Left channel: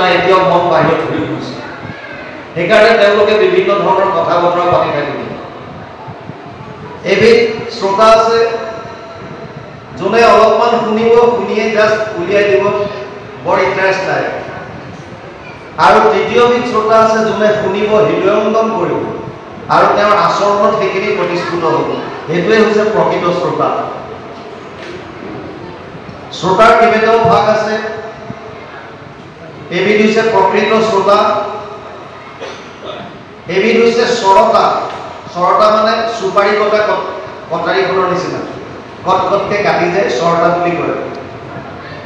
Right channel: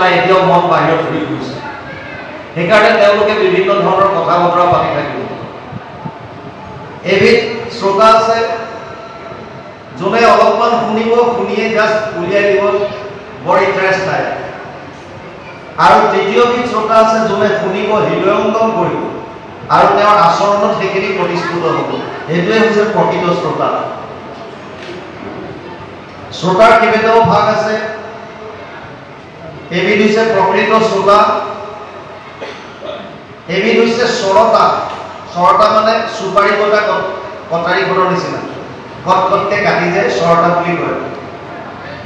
নাই, এতিয়াও মন বাহিৰত ঘূৰি ফুৰিছে। সেইকাৰণে তেওঁলোকে বিভিন্ন ধৰণৰ কথা বতৰা পাতি থাকিব। এবিধ শ্ৰোতা আছে যোনে অলপমান শুনিব, শুনিয়ে জাষ্ট উলিয়াই দিব, বৰ ইণ্টাৰেষ্ট নাই। আৰু তৃতীয়বিধ শ্ৰোতা আছে যোনে শুনিব, হৃদয়ংগম কৰিব আৰু তেওঁৰ আচৰণত সেইখিনি প্ৰতিষ্ঠিত হ'ব। সেইটোৱে হৈছে প্ৰকৃত শ্ৰোতা। শ্ৰোতাৰ কেইবাটাও ভাগ আছে। এবিধ হৈছে প্ৰকৃত শ্ৰোতা, এবিধ হৈছে শ্ৰতা। শ্ৰতা মানে চুপাৰী কটা কটাৰীখনৰ নিচিনা, কটকটকে কাটি যায় শ্ৰতা বুলি কয়।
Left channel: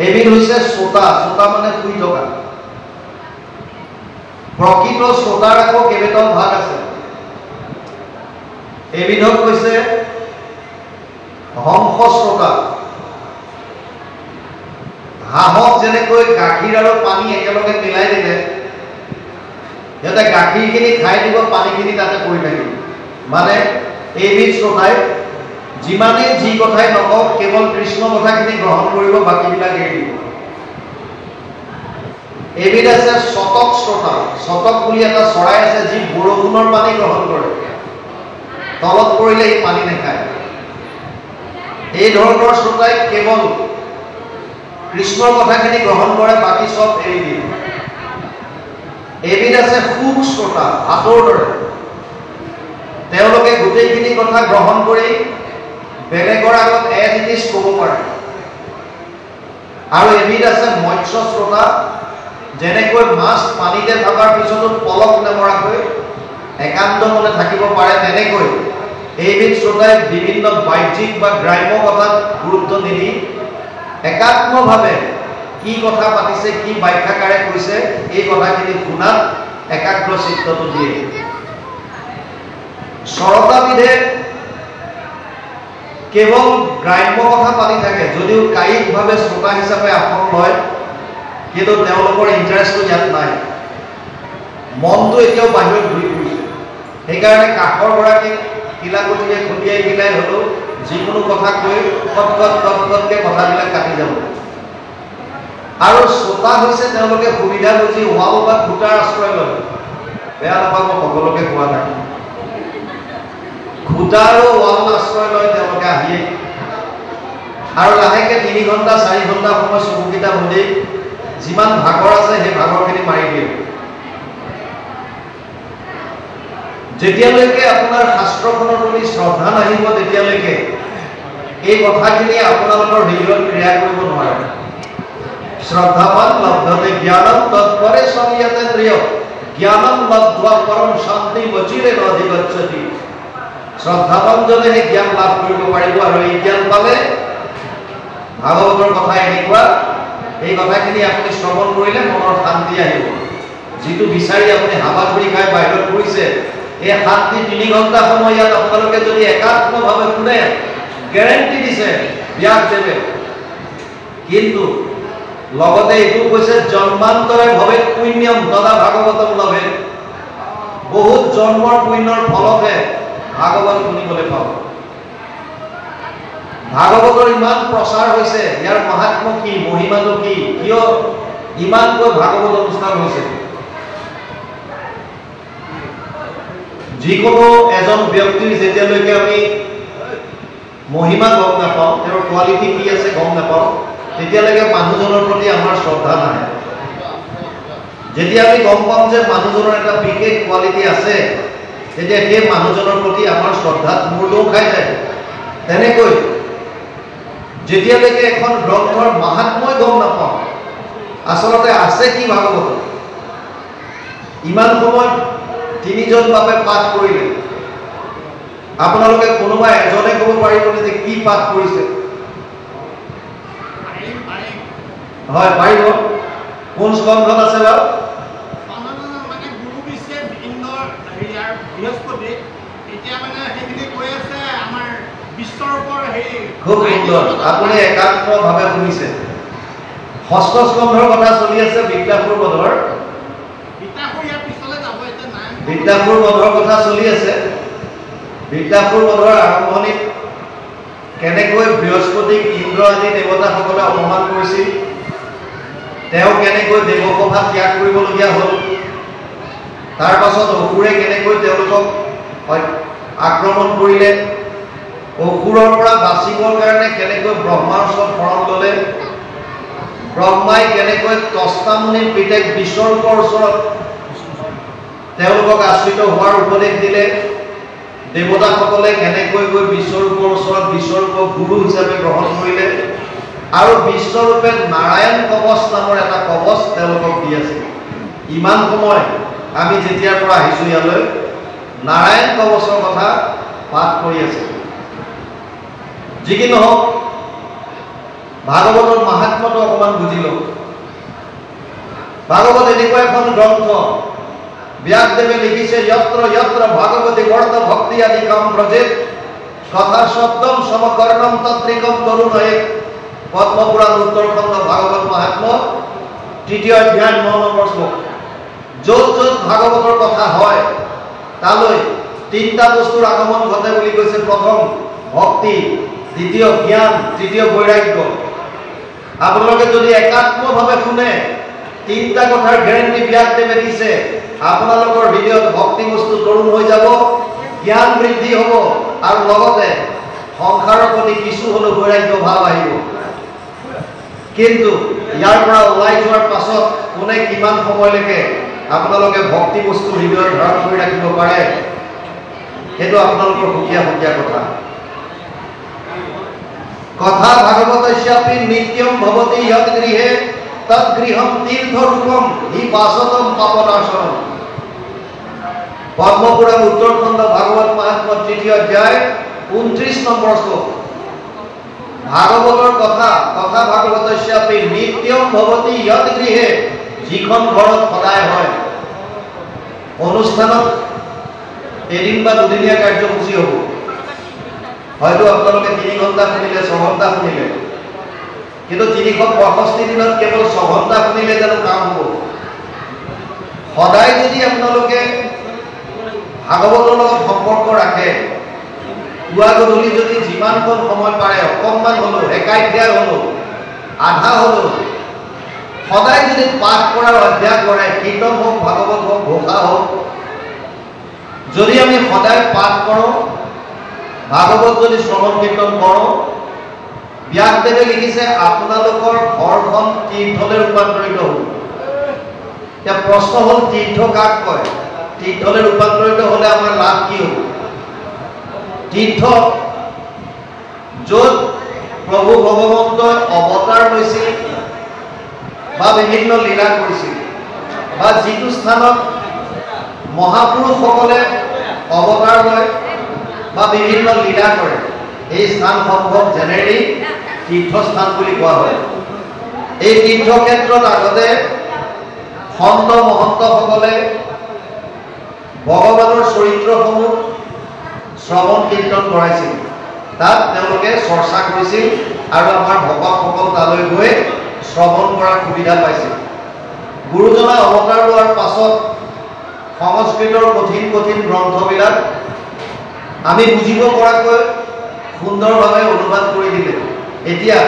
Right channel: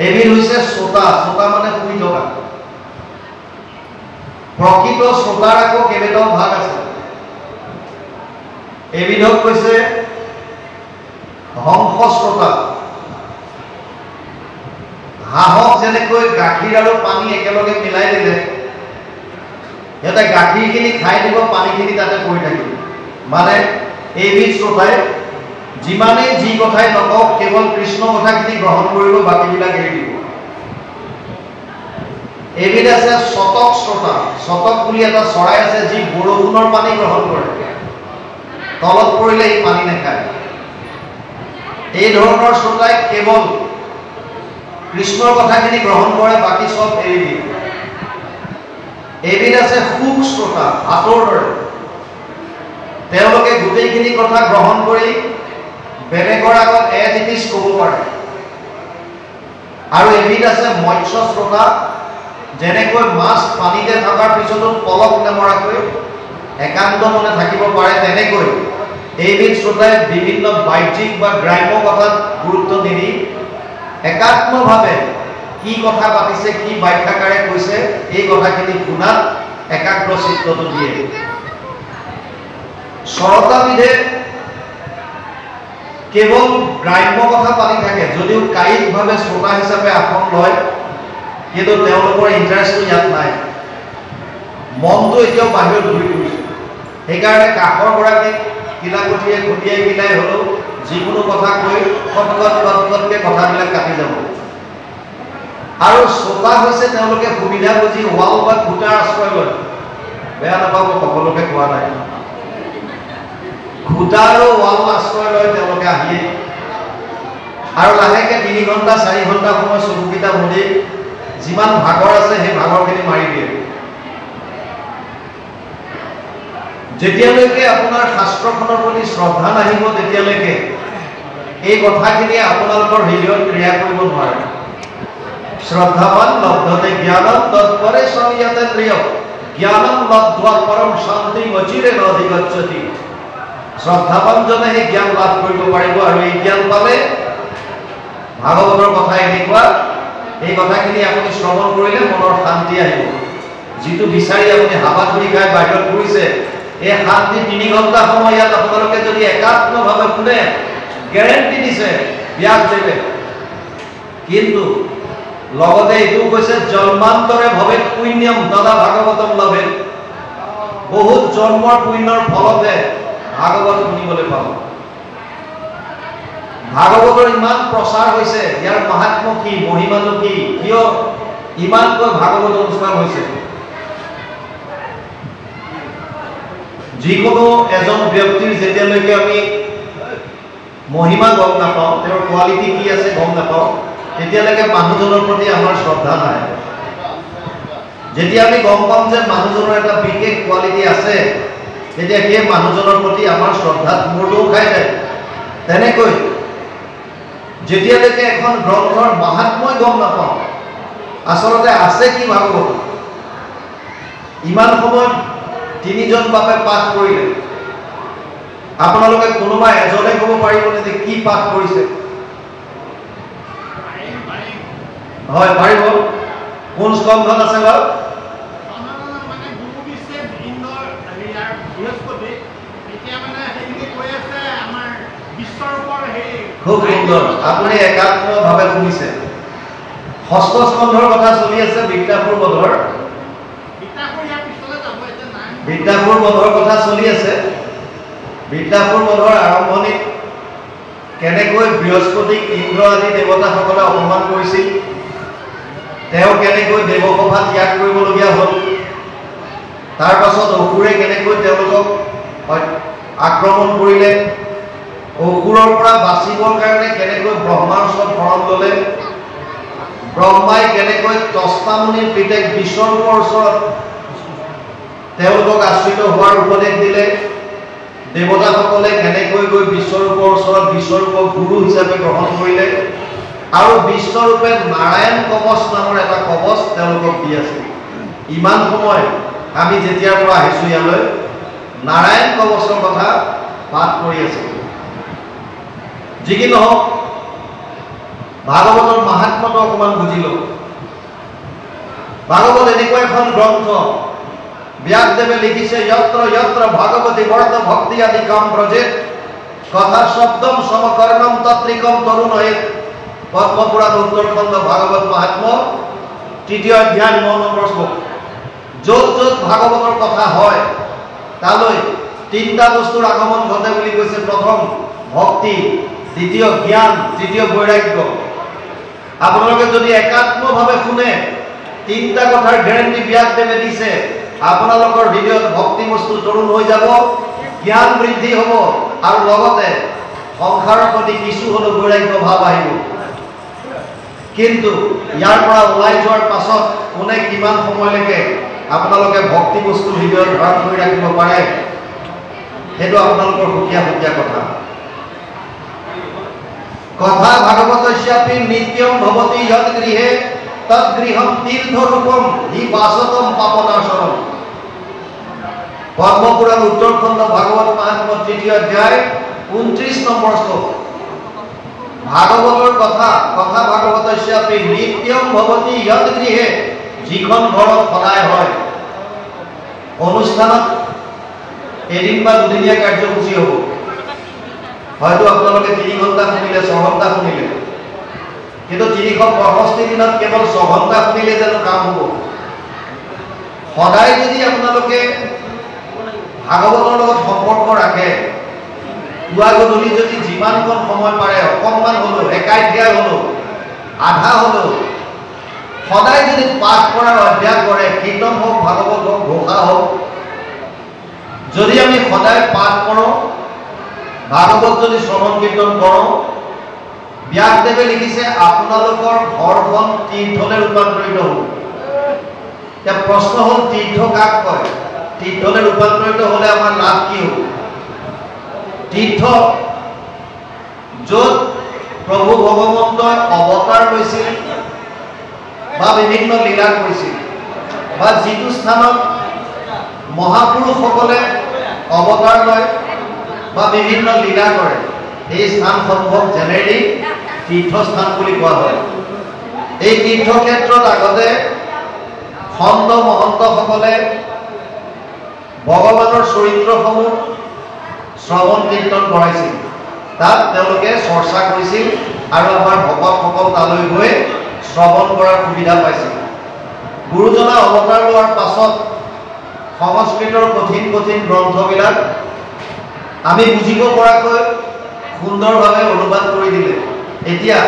এবিধ হৈছে শ্ৰোতা, শ্ৰোতা মানে শুই থকা। প্ৰকৃত শ্ৰোতাৰ আকৌ কেইবাটাও ভাগ আছে। এবিধক কৈছে হংস শ্ৰোতা। হাঁহক যেনেকৈ গাখীৰ আৰু পানী একেলগে মিলাই দিলে সিহঁতে গাখীৰখিনি খাই দিব, পানীখিনি তাতে পৰি থাকিব। মানে এইবিধ শ্ৰোতাই যিমানেই যি কথাই নকওক, কেৱল কৃষ্ণ কথাখিনি গ্ৰহণ কৰিব, বাকীবিলাক এৰি দিব। এবিধ আছে শতক শ্ৰোতা। শতক বুলি এটা চৰাই আছে যি বৰষুণৰ পানী গ্ৰহণ কৰে, তলত পৰিলে সি পানী নাখায়। এই ধৰণৰ শ্ৰোতাই কেৱল কৃষ্ণৰ কথাখিনি গ্ৰহণ কৰে, বাকী চব এৰি দিয়ে। এবিধ আছে সুখ শ্ৰোতা, ভাতৰ দৰে। তেওঁলোকে গোটেইখিনি কথা গ্ৰহণ কৰি বেলেগৰ আগত এটিটিছ ক'ব পাৰে। আৰু এবিধ আছে মৎস্য শ্ৰোতা, যেনেকৈ মাছ পানীতে থকাৰ পিছতো পলক নমৰাকৈ একান্ত মনে থাকিব পাৰে, তেনেকৈ এইবিধ শ্ৰোতাই বিভিন্ন বাহ্যিক বা গ্ৰাম্য কথাত গুৰুত্ব নিদি একাত্মভাৱে কি কথা পাতিছে, কি ব্যাখ্যাকাৰে কৈছে, এই কথাখিনি শুনাত একাগ্ৰ চিত্তটো দিয়ে। শ্ৰতাবিধে কেৱল গ্ৰাম্য কথা পাতি থাকে, যদিও কায়িকভাৱে শ্ৰোতা হিচাপে আসন লয়, কিন্তু তেওঁলোকৰ ইণ্টাৰেষ্টটো ইয়াত নাই। মনটো এতিয়াও বাহিৰত ঘূৰি ফুৰিছে। সেইকাৰণে কাষৰ গৰাকীক কিলাকঠিয়ে খুটিয়াই কিলাই হ'লেও যিকোনো কথা কৈ কটকটকে কথাবিলাক কাটি যাব। আৰু শ্ৰোতা হৈছে তেওঁলোকে সুবিধা বুজি ৱাল বা খুটাৰ আশ্ৰয় লয়। বেয়া নাপাব, সকলোকে কোৱা নাই। খুটা আৰু ৱাল আশ্ৰয় লয় তেওঁলোকে আহিয়ে, আৰু লাহেকে 3 ঘণ্টা 4 ঘণ্টা সময় চকুকেইটা মুদি যিমান ভাগৰ আছে সেই ভাগৰখিনি মাৰি দিয়ে। যেতিয়ালৈকে আপোনাৰ শাস্ত্ৰখনৰ প্ৰতি শ্ৰদ্ধা নাহিব, তেতিয়ালৈকে এই কথাখিনি আপোনালোকৰ হৃদয়ত ক্ৰিয়া কৰিব নোৱাৰে। শ্ৰদ্ধাৱান লব্ধতে জ্ঞানম তৎপৰে সংযতেন্দ্ৰিয় জ্ঞানম লব্ধ্বা পৰম শান্তি মচিৰে নধিগচ্ছতি। শ্ৰদ্ধাৱানজনে সেই জ্ঞান লাভ কৰিব পাৰিব, আৰু এই জ্ঞান পালে ভাগৱতৰ কথা এনেকুৱা, এই কথাখিনি আপুনি শ্ৰৱণ কৰিলে মনৰ শান্তি আহিব। যিটো বিচাৰি আপুনি হাবা ধৰি খাই বাহিৰত ফুৰিছে, এই শান্তি 3 ঘণ্টা সময় ইয়াত আপোনালোকে যদি একাত্মভাৱে শুনে, গেৰেণ্টি দিছে ব্যাসদেৱে। কিন্তু লগতে এইটোও কৈছে জন্মান্তৰে ভৱে পুণ্যম তদা ভাগৱতম লভে। বহুত জন্মৰ পুণ্যৰ ফলতে ভাগৱত শুনিবলৈ পাব। ভাগৱতৰ ইমান প্ৰচাৰ হৈছে, ইয়াৰ মাহাত্ম্য কি, মহিমাটো কি, কিয় ইমানকৈ ভাগৱত অনুষ্ঠান হৈছে? যিকোনো এজন ব্যক্তিৰ যেতিয়ালৈকে আমি মহিমা গম নাপাওঁ, তেওঁৰ কোৱালিটি কি আছে গম নাপাওঁ, তেতিয়ালৈকে মানুহজনৰ প্ৰতি আমাৰ শ্ৰদ্ধা নাই। যেতিয়া আমি গম পাম যে মানুহজনৰ এটা বিশেষ কোৱালিটি আছে, তেতিয়া সেই মানুহজনৰ প্ৰতি আমাৰ শ্ৰদ্ধাত মূৰটো খাই যায়। তেনেকৈ যেতিয়ালৈকে এখন গ্ৰন্থৰ মাহাত্ম্যই গম নাপাওঁ, আচলতে আছে কি ভাগৱত, ইমান সময় 3 জন বাপে পাঠ কৰিলে, আপোনালোকে কোনোবা এজনে ক'ব পাৰিবনে যে কি পাঠ কৰিছে? হয়, পাৰিব। কোন স্কন্ধত আছে বাৰু? খুব সুন্দৰ, আপুনি একাত্মভাৱে শুনিছে। 6ষ্ঠ স্কন্ধৰ কথা চলি আছে, বিদ্যাসুৰ বধৰ। বিদ্যাসুৰ বধৰ কথা চলি আছে। বিদ্যাসুৰ বধৰ আৰম্ভণিত কেনেকৈ বৃহস্পতিক ইন্দ্ৰ আদি দেৱতাসকলে অপমান কৰিছিল, তেওঁ কেনেকৈ দেৱসভা ত্যাগ কৰিবলগীয়া হ'ল, তাৰ পাছত অসুৰে কেনেকৈ তেওঁলোকক আক্ৰমণ কৰিলে, অসুৰৰ পৰা বাচিবৰ কাৰণে কেনেকৈ ব্ৰহ্মাৰ ওচৰত শৰণ ল'লে, ব্ৰহ্মাই কেনেকৈ তস্তামুনিৰ পিতেক বিশ্বৰূপৰ ওচৰত তেওঁলোকক আশ্ৰিত হোৱাৰ উপদেশ দিলে, দেৱতাসকলে কেনেকৈ গৈ বিশ্বৰূপৰ ওচৰত বিশ্বৰূপক গুৰু হিচাপে গ্ৰহণ কৰিলে, আৰু বিশ্বৰূপে নাৰায়ণ কৱচ নামৰ এটা কৱচ তেওঁলোকক দি আছে। ইমান সময় আমি যেতিয়াৰ পৰা আহিছোঁ ইয়ালৈ নাৰায়ণ কৱচৰ কথা পাঠ কৰি আছে। যি কি নহওক, ভাগৱতৰ মাহাত্ম্যটো অকণমান বুজিলো। ভাগৱত এনেকুৱা এখন গ্ৰন্থ, ব্যাসদেৱে লিখিছে, যত্ৰ যত্ৰ ভাগৱতী বৰ্ত ভক্তি আদি কাম ব্ৰজেত কথা শব্দম সমকৰ্ণম তত্ৰিকম তৰুণয়ে। পদ্মপুৰাণ উত্তৰখণ্ড ভাগৱত মাহাত্ম্য ৩য় অধ্যায় ৯ নম্বৰ শ্লোক। য'ত য'ত ভাগৱতৰ কথা হয় তালৈ তিনিটা বস্তুৰ আগমন ঘটে বুলি কৈছে। প্ৰথম ভক্তি, দ্বিতীয় জ্ঞান, তৃতীয় বৈৰাগ্য। আপোনালোকে যদি একাত্মভাৱে শুনে, তিনিটা কথাৰ গেৰেণ্টি ব্যাসদেৱে দিছে। আপোনালোকৰ হৃদয়ত ভক্তি বস্তু তৰুণ হৈ যাব, জ্ঞান বৃদ্ধি হ'ব, আৰু লগতে সংসাৰৰ প্ৰতি কিছু হ'লেও বৈৰাগ্য ভাৱ আহিব। কিন্তু ইয়াৰ পৰা ওলাই যোৱাৰ পাছত কোনে কিমান সময়লৈকে আপোনালোকে ভক্তি বস্তু হৃদয়ত ধাৰণ কৰি ৰাখিব পাৰে, সেইটো আপোনালোকৰ সুকীয়া সুকীয়া কথা। কথা ভাগৱতস্যাপি নিত্যম ভৱতি যৎ গৃহে তৎ গৃহম তীৰ্থৰূপম হি বাসতম পাপনাশনম। পদ্মপুৰাণ উত্তৰখণ্ড ভাগৱত মাহাত্ম্য ৩য় অধ্যায় ২৯ নম্বৰ শ্লোক। ভাগৱতৰ কথা, কথা ভাগৱতস্যাপি নিত্যম ভৱতি যৎ গৃহে, যিখন ঘৰত সদায় হয়। অনুষ্ঠানত এদিন বা দুদিনীয়া কাৰ্যসূচী হ'ব, হয়তো আপোনালোকে ৩ ঘণ্টা শুনিলে, ৬ ঘণ্টা শুনিলে, কিন্তু ৩৬৫ দিনত কেৱল ৬ ঘণ্টা শুনিলে জানো কাম হ'ব? সদায় যদি আপোনালোকে ভাগৱতৰ লগত সম্পৰ্ক ৰাখে, পুৱা গধূলি যদি যিমানকণ সময় পাৰে, অকণমান হ'লেও, একাধ্যায় হ'লেও, আধা হ'লেও, সদায় যদি পাঠ কৰাৰ অভ্যাস কৰে, কীৰ্তন হওক, ভাগৱত হওক, ঘোষা হওক, যদি আমি সদায় পাঠ কৰোঁ, ভাগৱত যদি শ্ৰৱণ কীৰ্তন কৰোঁ, ব্যাসদেৱে লিখিছে আপোনালোকৰ ঘৰখন তীৰ্থলৈ ৰূপান্তৰিত হ'ব। এতিয়া প্ৰশ্ন হ'ল, তীৰ্থ কাক কয়? তীৰ্থলৈ ৰূপান্তৰিত হ'লে আমাৰ লাভ কি হ'ব? তীৰ্থ য'ত প্ৰভু ভগৱন্তই অৱতাৰ লৈছিল বা বিভিন্ন লীলা কৰিছিল, বা যিটো স্থানত মহাপুৰুষসকলে অৱতাৰ লয় বা বিভিন্ন লীলা কৰে, এই স্থানসমূহক জেনেৰেলি তীৰ্থস্থান বুলি কোৱা হয়। এই তীৰ্থক্ষেত্ৰত আগতে সন্ত মহন্তসকলে ভগৱানৰ চৰিত্ৰসমূহ শ্ৰৱণ কীৰ্তন কৰাইছিল, তাত তেওঁলোকে চৰ্চা কৰিছিল, আৰু আমাৰ ভকতসকল তালৈ গৈ শ্ৰৱণ কৰাৰ সুবিধা পাইছিল। গুৰুজনা অৱতাৰ লোৱাৰ পাছত সংস্কৃতৰ কঠিন কঠিন গ্ৰন্থবিলাক আমি বুজিব পৰাকৈ সুন্দৰভাৱে অনুবাদ কৰি দিলে। এতিয়া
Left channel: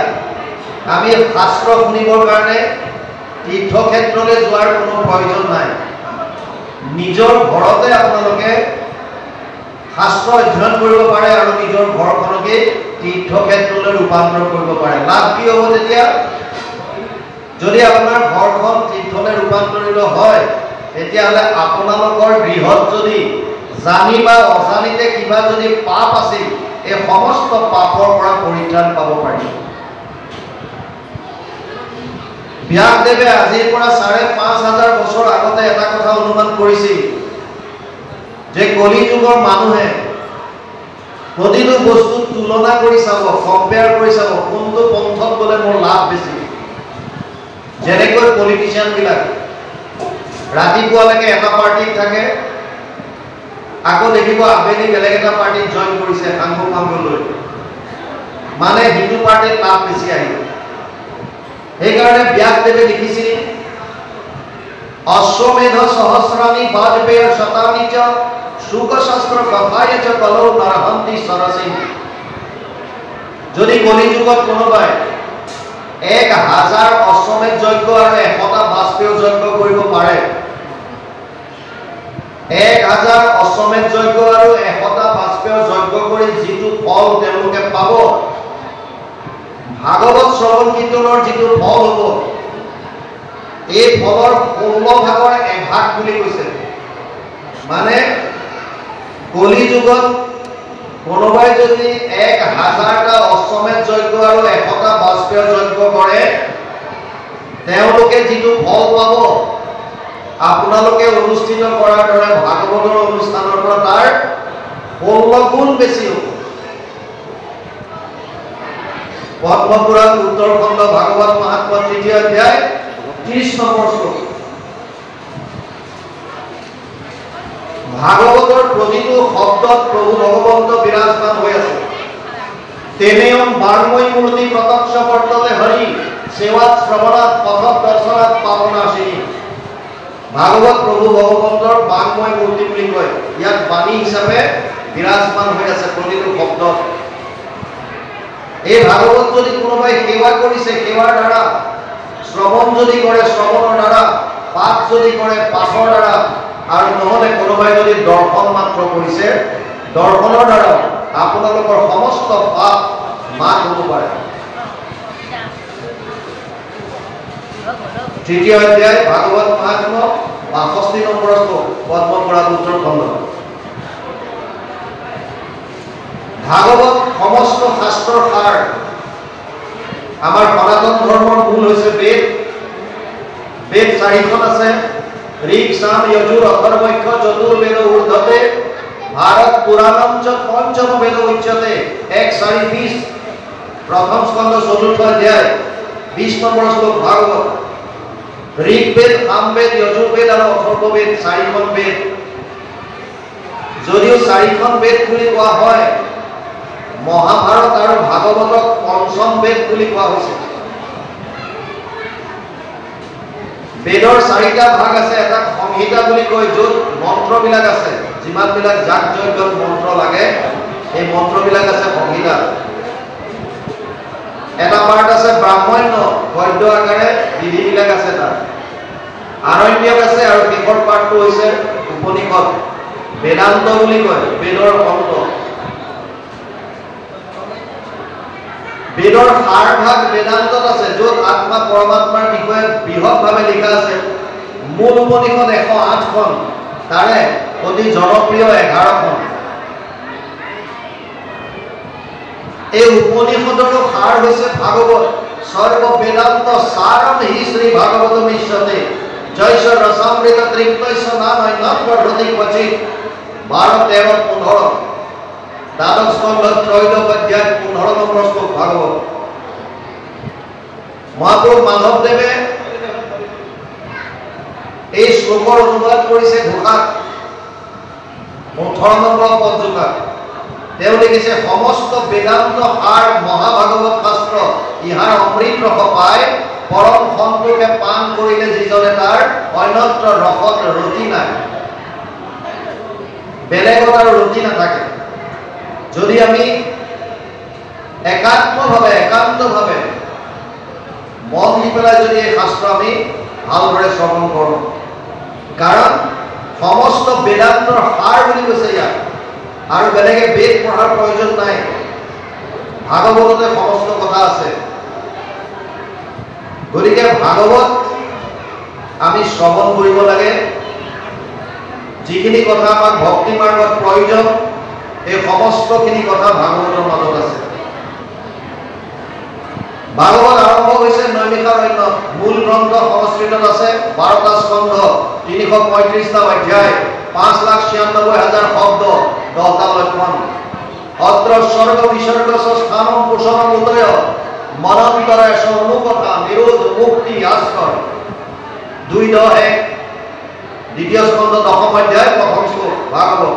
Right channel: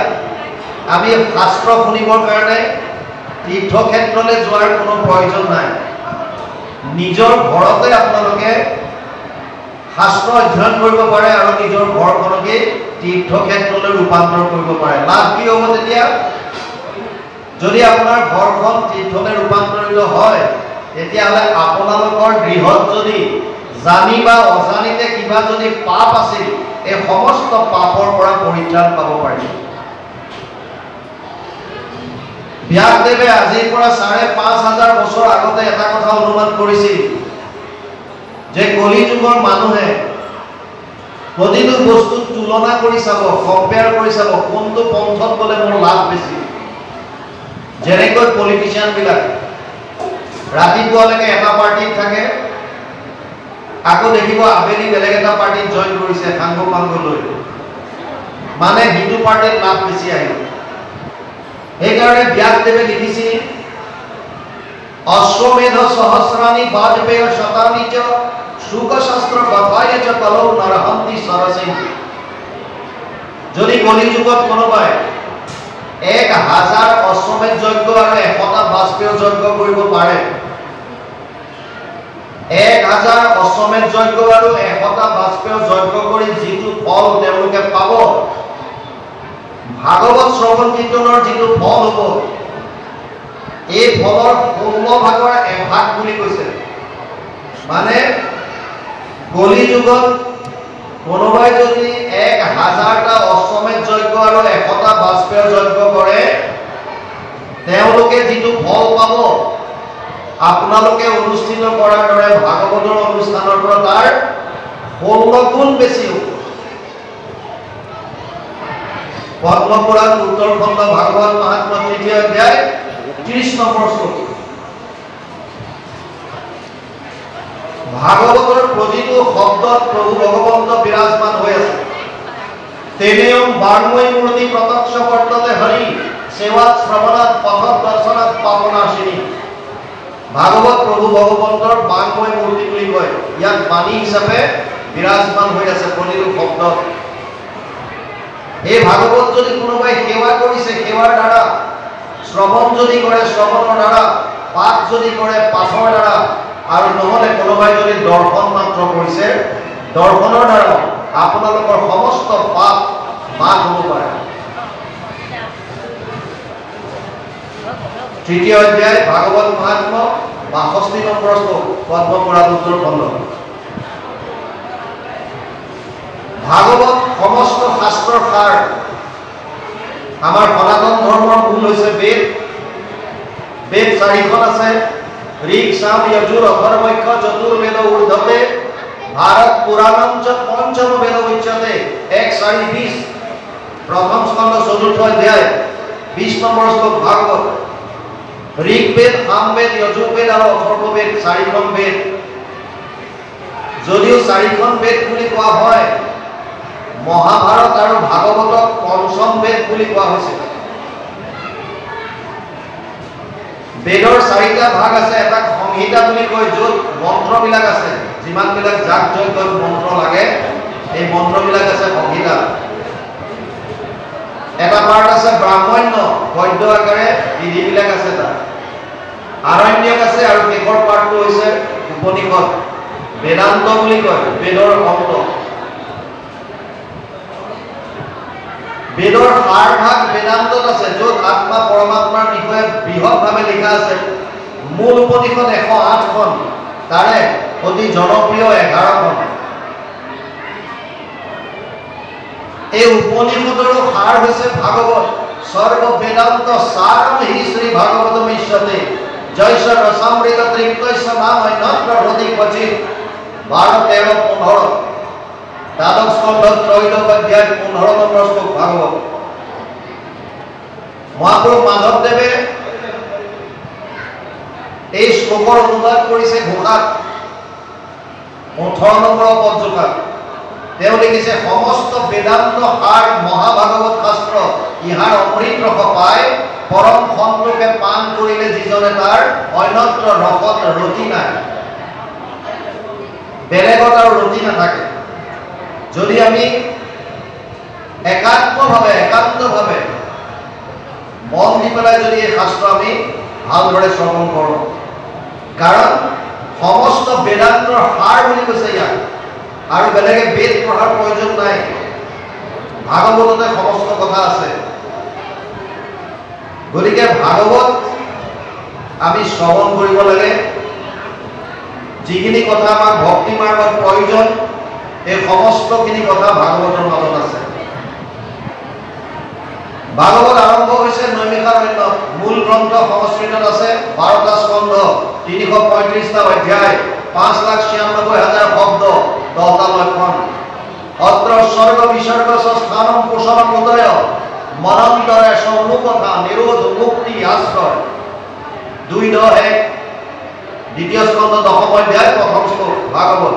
আমি শাস্ত্ৰ শুনিবৰ কাৰণে তীৰ্থক্ষেত্ৰলৈ যোৱাৰ কোনো প্ৰয়োজন নাই। নিজৰ ঘৰতে আপোনালোকে শাস্ত্ৰ অধ্যয়ন কৰিব পাৰে আৰু নিজৰ ঘৰখনকে তীৰ্থক্ষেত্ৰলৈ ৰূপান্তৰ কৰিব পাৰে। লাভ কি হ'ব তেতিয়া? যদি আপোনাৰ ঘৰখন তীৰ্থলৈ ৰূপান্তৰিত হয়, তেতিয়াহ'লে আপোনালোকৰ গৃহত যদি জানি বা অজানিতে কিবা যদি পাপ আছিল, এই সমস্ত পাপৰ পৰা পৰিত্ৰাণ পাব পাৰিব। ব্যাসদেৱে আজিৰ পৰা ৫,৫০০ বছৰ আগতে এটা কথা অনুমান কৰিছিল যে কলি যুগৰ মানুহে প্ৰতিটো বস্তুত তুলনা কৰি চাব, কম্পেয়াৰ কৰি চাব, কোনটো পন্থত গ'লে মোৰ লাভ বেছি। যেনেকৈ পলিটিচিয়ানবিলাক ৰাতিপুৱালৈকে এটা পাৰ্টিত থাকে, আকৌ দেখিব আবেলি বেলেগ এটা পাৰ্টিত জইন কৰিছে সাংগ পাংগ লৈ, মানে সিটো পাৰ্টিত লাভ বেছি আহিব। সেইকাৰণে ব্যাসদেৱে লিখিছিল, অশ্বমেধ সহস্ৰাণি বাজপেয় শতানি চ শুকশাস্ত্ৰ কথায় চ কলৌ নৰহন্তি সৰসি। যদি কলি যুগত কোনোবাই 1000 অশ্বমেধ যজ্ঞ আৰু 100টা বাষ্পীয় যজ্ঞ কৰিব পাৰে। 1000 অশ্বমেধ যজ্ঞ আৰু 100টা বাষ্পীয় যজ্ঞ কৰি যিটো ফল তেওঁলোকে পাব, ভাগৱত শ্ৰৱণ কীৰ্তনৰ যিটো ফল হ'ব, এই ফলৰ 16 ভাগৰ 1 ভাগ বুলি কৈছে। মানে কলি যুগত কোনোবাই যদি 1000টা অশ্বমেধ যজ্ঞ আৰু 100টা বাষ্পীয় যজ্ঞ কৰে, তেওঁলোকে যিটো ফল পাব, আপোনালোকে অনুষ্ঠিত কৰাৰ দৰে ভাগৱতৰ অনুষ্ঠানৰ পৰা তাৰ 16 গুণ বেছি হ'ব। পদ্মপুৰাণ উত্তৰখণ্ড ভাগৱত মাহাত্ম্য 3য় অধ্যায় 30 নম্বৰ শ্লোক। ভাগৱতৰ প্ৰতিটো শব্দত প্ৰভু ভগৱন্ত বিৰাজমান হৈ আছে। তেনেয়ম বাৰ্ময় মূৰ্তি প্ৰত্যক্ষ বৰ্ততে হৰি সেৱাত শ্ৰৱণাত পথত দৰ্শনাত পাৱনাশিনী। ভাগৱত প্ৰভু ভগৱন্তৰ বাংময় মূৰ্তি বুলি কয়। ইয়াত বাণী হিচাপে বিৰাজমান হৈ আছে প্ৰতিটো শব্দত। এই ভাগৱত যদি কোনোবাই সেৱা কৰিছে, সেৱাৰ দ্বাৰা, শ্ৰৱণ যদি কৰে, শ্ৰৱণৰ দ্বাৰা, পাঠ যদি কৰে, পাঠৰ দ্বাৰা, আৰু নহলে কোনোবাই যদি দৰ্শন মাত্ৰ কৰিছে, দৰ্শনৰ দ্বাৰা আপোনালোকৰ সমস্ত পাপ মাফ হ'ব পাৰে। 3য় অধ্যায় ভাগৱত মাহাত্ম্য 62 নম্বৰ শ্লোক, পদ্মপুৰাণ উত্তৰখণ্ড। ভাগৱত সমস্ত শাস্ত্ৰৰ সাৰ। আমাৰ সনাতন ধৰ্মৰ মূল হৈছে বেদ। বেদ 4খন আছে, ঋক সাম যজুৰ অথৰ্বৈক্য চতুৰ্বেদ ঊৰ্ধ্বতে ভাৰত পুৰাণম চ পঞ্চম বেদ উচ্যতে। 1:4-20 প্ৰথম স্কন্ধ 4ৰ্থ অধ্যায় 20 নম্বৰ শ্লোক ভাগৱত। ঋকবেদ, সামবেদ, যজুৰ্বেদ আৰু অথৰ্ববেদ 4খন বেদ। যদিও 4খন বেদ বুলি কোৱা হয়, মহাভাৰত আৰু ভাগৱতক পঞ্চম বেদ বুলি কোৱা হৈছে। বেদৰ 4টা ভাগ আছে। এটা সংহিতা বুলি কয়, য'ত মন্ত্ৰবিলাক আছে, যিমানবিলাক যাগ যজ্ঞত মন্ত্ৰ লাগে, এই মন্ত্ৰবিলাক আছে সংহিতা। এটা পাৰ্ট আছে ব্ৰাহ্মণ্য, গদ্য আকাৰে বিধিবিলাক আছে তাত। আৰণ্যক আছে, আৰু শেষৰ পাৰ্টটো হৈছে উপনিষদ, বেদান্ত বুলি কয়, বেদৰ অন্ত। বেদৰ সাৰ ভাগ বেদান্তত আছে, য'ত আত্মা পৰমাত্মাৰ বিষয়ে বৃহৎভাৱে লিখা আছে। মূল উপনিষদ 108খন, তাৰে অতি জনপ্ৰিয় 11খন। এই উপনিষদৰো সাৰ হৈছে ভাগৱত। সৰ্ব বেদান্ত সাৰম হি শ্ৰী ভাগৱতম ইষ্যতে জয়স ৰসামৃত তৃপ্তৈষ নাম নত্ৰ হৃদি ক্বচিৎ। 12, 13, 15 দ্বাদশ স্কন্ধ 3য় অধ্যায় 15 নম্বৰ শ্লোক ভাগৱত। মহাপুৰুষ মাধৱদেৱে এই শ্লোকৰ অনুবাদ কৰিছে ঘোষাত 18 নম্বৰ পদজোকাত। তেওঁ লিখিছে, সমস্ত বেদান্ত সাৰ মহাভাগৱত শাস্ত্ৰ, ইহাৰ অমৃত ৰস পায়, পৰম সন্তোষে পান কৰিলে যিজনে তাৰ অন্যত্ৰ ৰসত ৰতি নাই। বেলেগত আৰু ৰতি নাথাকে। যদি আমি একান্তভাৱে মন দি পেলাই যদি এই শাস্ত্ৰ আমি ভালদৰে শ্ৰৱণ কৰোঁ, কাৰণ সমস্ত বেদান্তৰ সাৰ বুলি কৈছে ইয়াক, আৰু বেলেগে বেদ পঢ়াৰ প্ৰয়োজন নাই। ভাগৱততে সমস্ত কথা আছে। গতিকে ভাগৱত আমি শ্ৰৱণ কৰিব লাগে। যিখিনি কথা আমাক ভক্তি মাৰ্গত প্ৰয়োজন, এই সমস্তখিনি কথা ভাগৱতৰ মাজত আছে। ভাগৱত আৰম্ভ হৈছে নৈমিষাৰণ্যত। মূল গ্ৰন্থ সংস্কৃতত আছে, 12টা স্কন্ধ, 335টা অধ্যায়, 5,96,000 শব্দ, 10টা লক্ষণ। অত্ৰ স্বৰ্গ বিসৰ্গ স্থানম পোষণম উদয় মনন্তৰে অনুকথা নিৰোধ মুক্তি আশ্ৰয়। 2:1 দ্বিতীয় স্কন্ধ 10ম অধ্যায় 1ম শ্লোক ভাগৱত।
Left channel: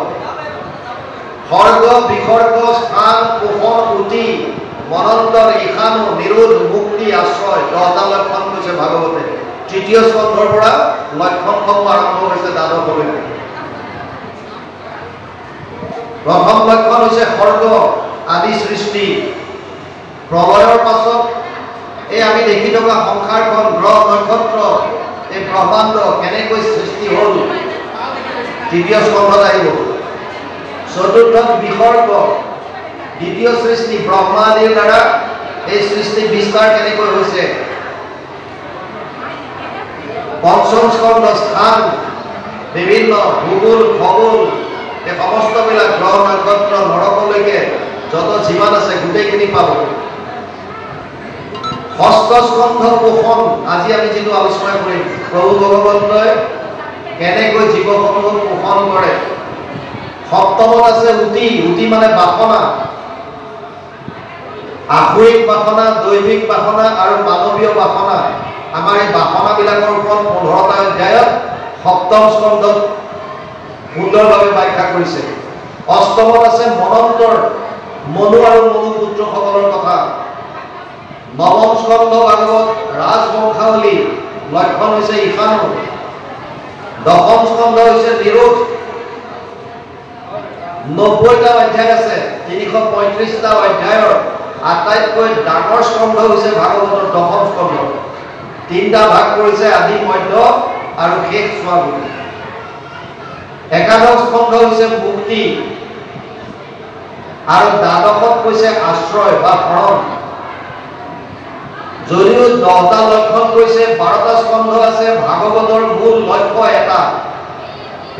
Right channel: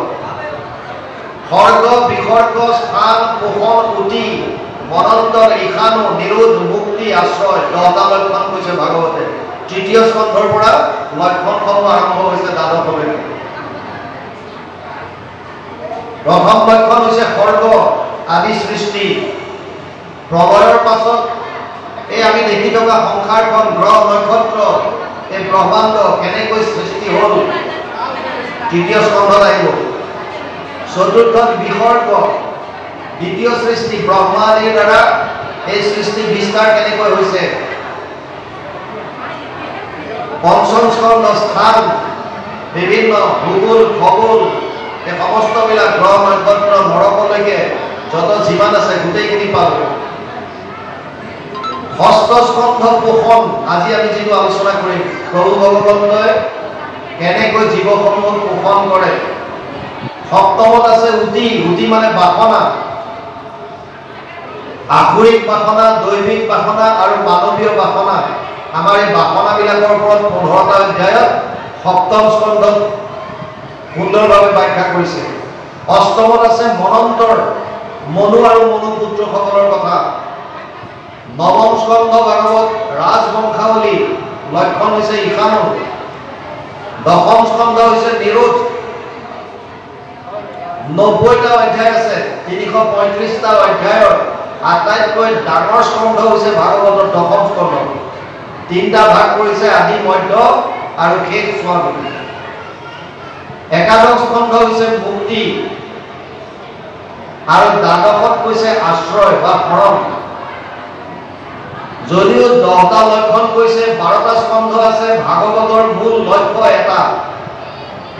স্বৰ্গ বিসৰ্গ স্থান পোষণ উতি মনন্তৰ ইশানো নিৰোধ মুক্তি আশ্ৰয়, 10টা লক্ষণ কৈছে ভাগৱতে। 3য় স্কন্ধৰ পৰা লক্ষণসমূহ আৰম্ভ হৈছে দ্বাদশলৈকে। প্ৰথম লক্ষণ হৈছে স্বৰ্গ আদি সৃষ্টি। প্ৰলয়ৰ পাছত এই আমি দেখি থকা সংসাৰখন গ্ৰহ নক্ষত্ৰ এই ব্ৰহ্মাণ্ড কেনেকৈ সৃষ্টি হ'ল তৃতীয় স্কন্ধত আহিব চতুৰ্থত বিসৰ্গ দ্বিতীয় সৃষ্টি ব্ৰহ্মা আদিৰ দ্বাৰা এই সৃষ্টি বিস্তাৰ কেনেকৈ হৈছে পঞ্চম স্কন্ধ স্থান বিভিন্ন ভূগোল খগোল এই সমস্তবিলাক গ্ৰহ নক্ষত্ৰ নৰকলৈকে যত যিমান আছে গোটেইখিনি পাব ষষ্ঠ স্কন্ধ পোষণ আজি আমি যিটো আলোচনা কৰিম প্ৰভু ভগৱন্তই কেনেকৈ জীৱসমূহ পোষণ কৰে সপ্তমত আছে উতি মানে বাসনা আহৰিক বাসনা দৈবিক বাসনা আৰু মানৱীয় বাসনা আমাৰ এই বাসনাবিলাকৰ ওপৰত 15টা অধ্যায়ত সপ্তম স্কন্ধত সুন্দৰভাৱে ব্যাখ্যা কৰিছে অষ্টমত আছে মনন্তৰ মনু আৰু মনুপুত্ৰসকলৰ কথা নৱম স্কন্ধ ভাগৱত ৰাজবংশাৱলী লক্ষণ হৈছে ঈশানু দশম স্কন্ধ হৈছে নিৰোধ 90টা অধ্যায় আছে 335টা অধ্যায়ৰ আটাইতকৈ ডাঙৰ স্কন্ধ হৈছে ভাগৱতৰ দশম স্কন্ধ তিনিটা ভাগ কৰিছে আদি মধ্য আৰু শেষ স্বামী একাদশ স্কন্ধ হৈছে মুক্তি আৰু দ্বাদশত কৈছে আশ্ৰয় বা শৰণ যদিও 10টা লক্ষণ কৈছে 12টা স্কন্ধ আছে ভাগৱতৰ মূল লক্ষ্য এটা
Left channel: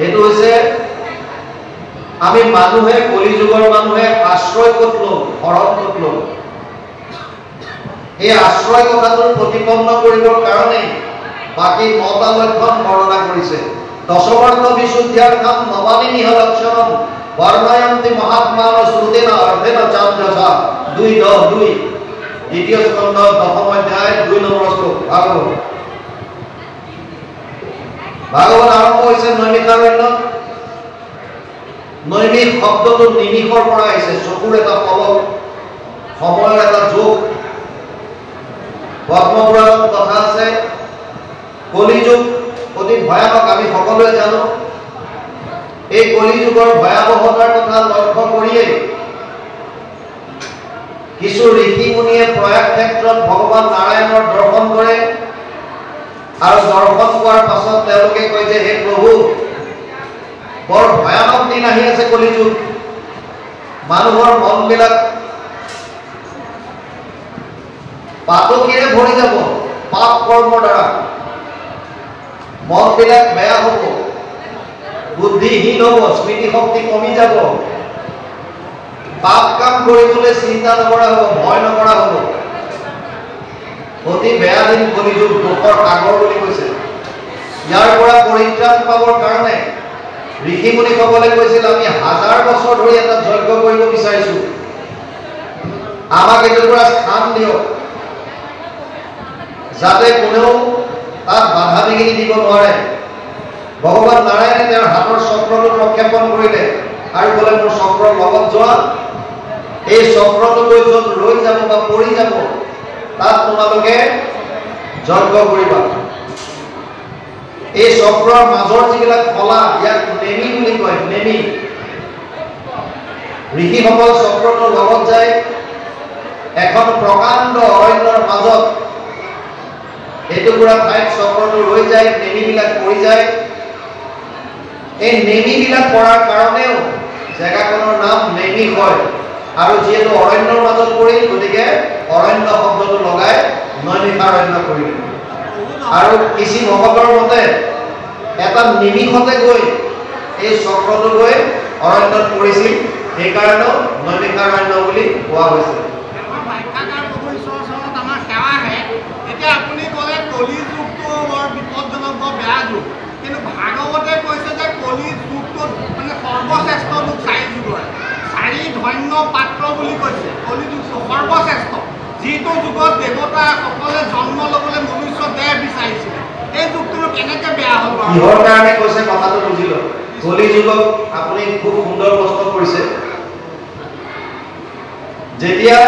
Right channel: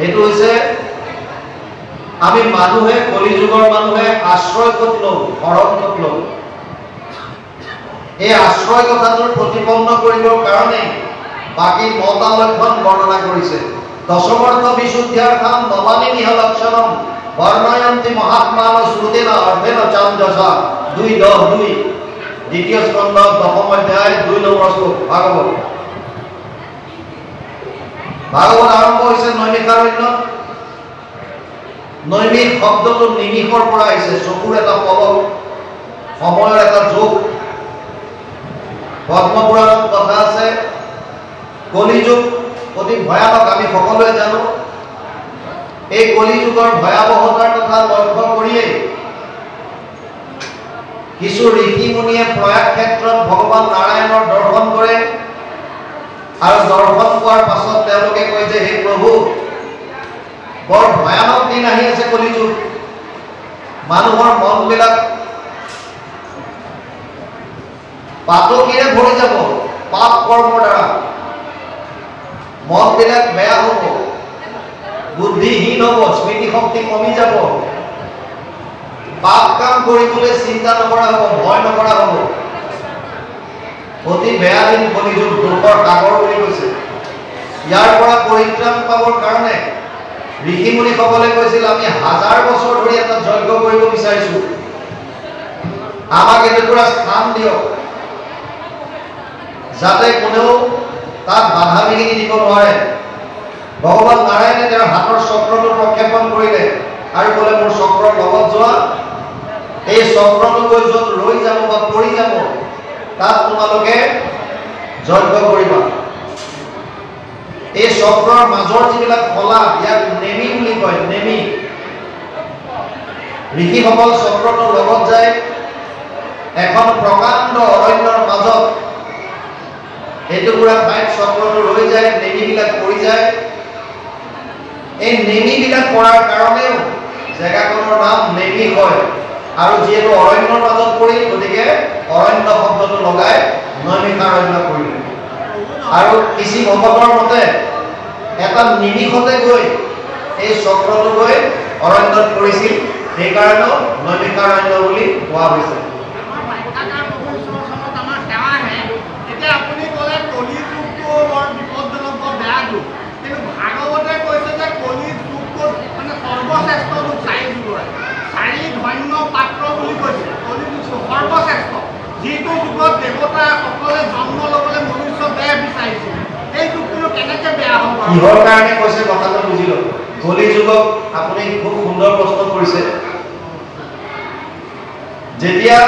এইটো হৈছে আমি মানুহে কলিযুগৰ মানুহে আশ্ৰয় ক'ত লওঁ শৰণ ক'ত লওঁ এই আশ্ৰয় কথাটোৰ প্ৰতিপন্ন কৰিবৰ কাৰণে বাকি 9টা লক্ষণ বৰ্ণনা কৰিছে দশমাৰ্থ বিশুদ্ধ্যাৰ্থম নবানি নিহ লক্ষণম বৰ্ণয়ন্তি মহাত্মান শ্ৰুতেনা অৰ্ধেন চাঞ্জসা 2:10 দ্বিতীয় স্কন্ধ দশম অধ্যায় 2 নম্বৰ শ্লোক ভাগৱত আৰম্ভ হৈছে নৈমিষাৰণ্যত নৈমিষ শব্দটো নিমিষৰ পৰা আহিছে চকুৰ এটা পলক সময়ৰ এটা যোগ পদ্মপুৰাণত কথা আছে কলিযুগ অতি ভয়ানক আমি সকলোৱে জানো এই কলিযুগৰ ভয়াবহতাৰ কথা লক্ষ্য কৰিলে কিছু ঋষি মুনিয়ে প্ৰয়াগ ক্ষেত্ৰত ভগৱান নাৰায়ণৰ দৰ্শন কৰে আৰু দৰ্শন কৰাৰ পাছত তেওঁলোকে কয় যে হে প্ৰভু বৰ ভয়ানক দিন আহি আছে কলিযুগ মানুহৰ মনবিলাক পাতকিৰে ভৰি যাব পাপ কৰ্মৰ দ্বাৰা মনবিলাক বেয়া হ'ব বুদ্ধিহীন হ'ব স্মৃতি শক্তি কমি যাব পাপ কাম কৰিবলৈ চিন্তা নকৰা হ'ব ভয় নকৰা হ'ব অতি বেয়া দিন কলিযুগ দুখৰ সাগৰ বুলি কৈছে ইয়াৰ পৰা পৰিত্ৰাণ পাবৰ কাৰণে ঋষি মুনিসকলে কৈছিল আমি 1000 বছৰ ধৰি এটা যজ্ঞ কৰিব বিচাৰিছো আমাক এটাৰ পৰা স্থান দিয়ক যাতে কোনেও তাত বাধা বিঘিনি দিব নোৱাৰে ভগৱান নাৰায়ণে তেওঁৰ হাতৰ চক্ৰটো প্ৰক্ষেপণ কৰিলে আৰু ক'লে মোৰ চক্ৰৰ লগত যোৱা এই চক্ৰটো গৈ য'ত ৰৈ যাব বা পৰি যাব তাত তোমালোকে যজ্ঞ কৰিবা এই চক্ৰৰ মাজৰ যিবিলাক ফলা ইয়াক নেমি বুলি কয় নেমি ঋষিসকল চক্ৰটোৰ লগত যায় এখন প্ৰকাণ্ড অৰণ্যৰ মাজত এইটুকুৰা ঠাইত চক্ৰটো ৰৈ যায় নেমিবিলাক পৰি যায় এই নেমিবিলাক পৰাৰ কাৰণেও জেগাখনৰ নাম নেমি হয় আৰু যিহেতু অৰণ্যৰ মাজত পৰিল গতিকে অৰণ্য শব্দটো লগাই নৈমিষাৰণ্য কৰিলে আৰু কিছু ভকতৰ মতে এটা নিমিষতে গৈ এই চক্ৰটো গৈ অৰণ্যত পৰিছিল সেইকাৰণে নৈমিষাৰণ্য বুলি কোৱা হৈছে যিটো যুগত দেৱতাসকলে জন্ম ল'বলৈ মনুষ্য দেহ বিচাৰিছিলে এই যুগটো কেনেকৈ বেয়া হ'ল কিহৰ কাৰণে কৈছে কথাটো বুজিলো কলি যুগক আপুনি খুব সুন্দৰ প্ৰশ্ন কৰিছে যেতিয়া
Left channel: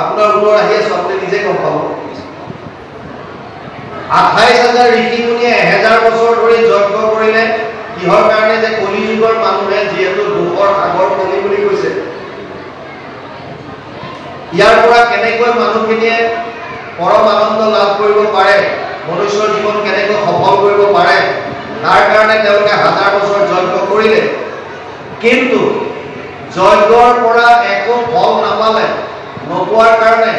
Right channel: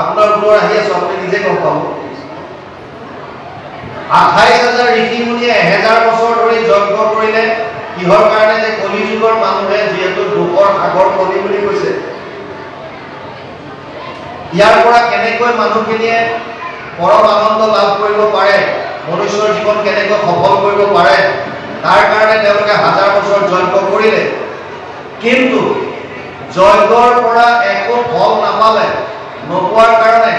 আপোনাৰ উত্তৰ আহি আছে আপুনি নিজে গম পাব 28000 ঋষি মুনিয়ে 1000 বছৰ ধৰি যজ্ঞ কৰিলে কিহৰ কাৰণে যে কলি যুগৰ মানুহে যিহেতু দুখৰ সাগৰ কলি বুলি কৈছে ইয়াৰ পৰা কেনেকৈ মানুহখিনিয়ে পৰম আনন্দ লাভ কৰিব পাৰে, মনুষ্যৰ জীৱন কেনেকৈ সফল কৰিব পাৰে, তাৰ কাৰণে তেওঁলোকে হাজাৰ বছৰ যজ্ঞ কৰিলে। কিন্তু যজ্ঞৰ পৰা একো ফল নাপালে। নোপোৱাৰ কাৰণে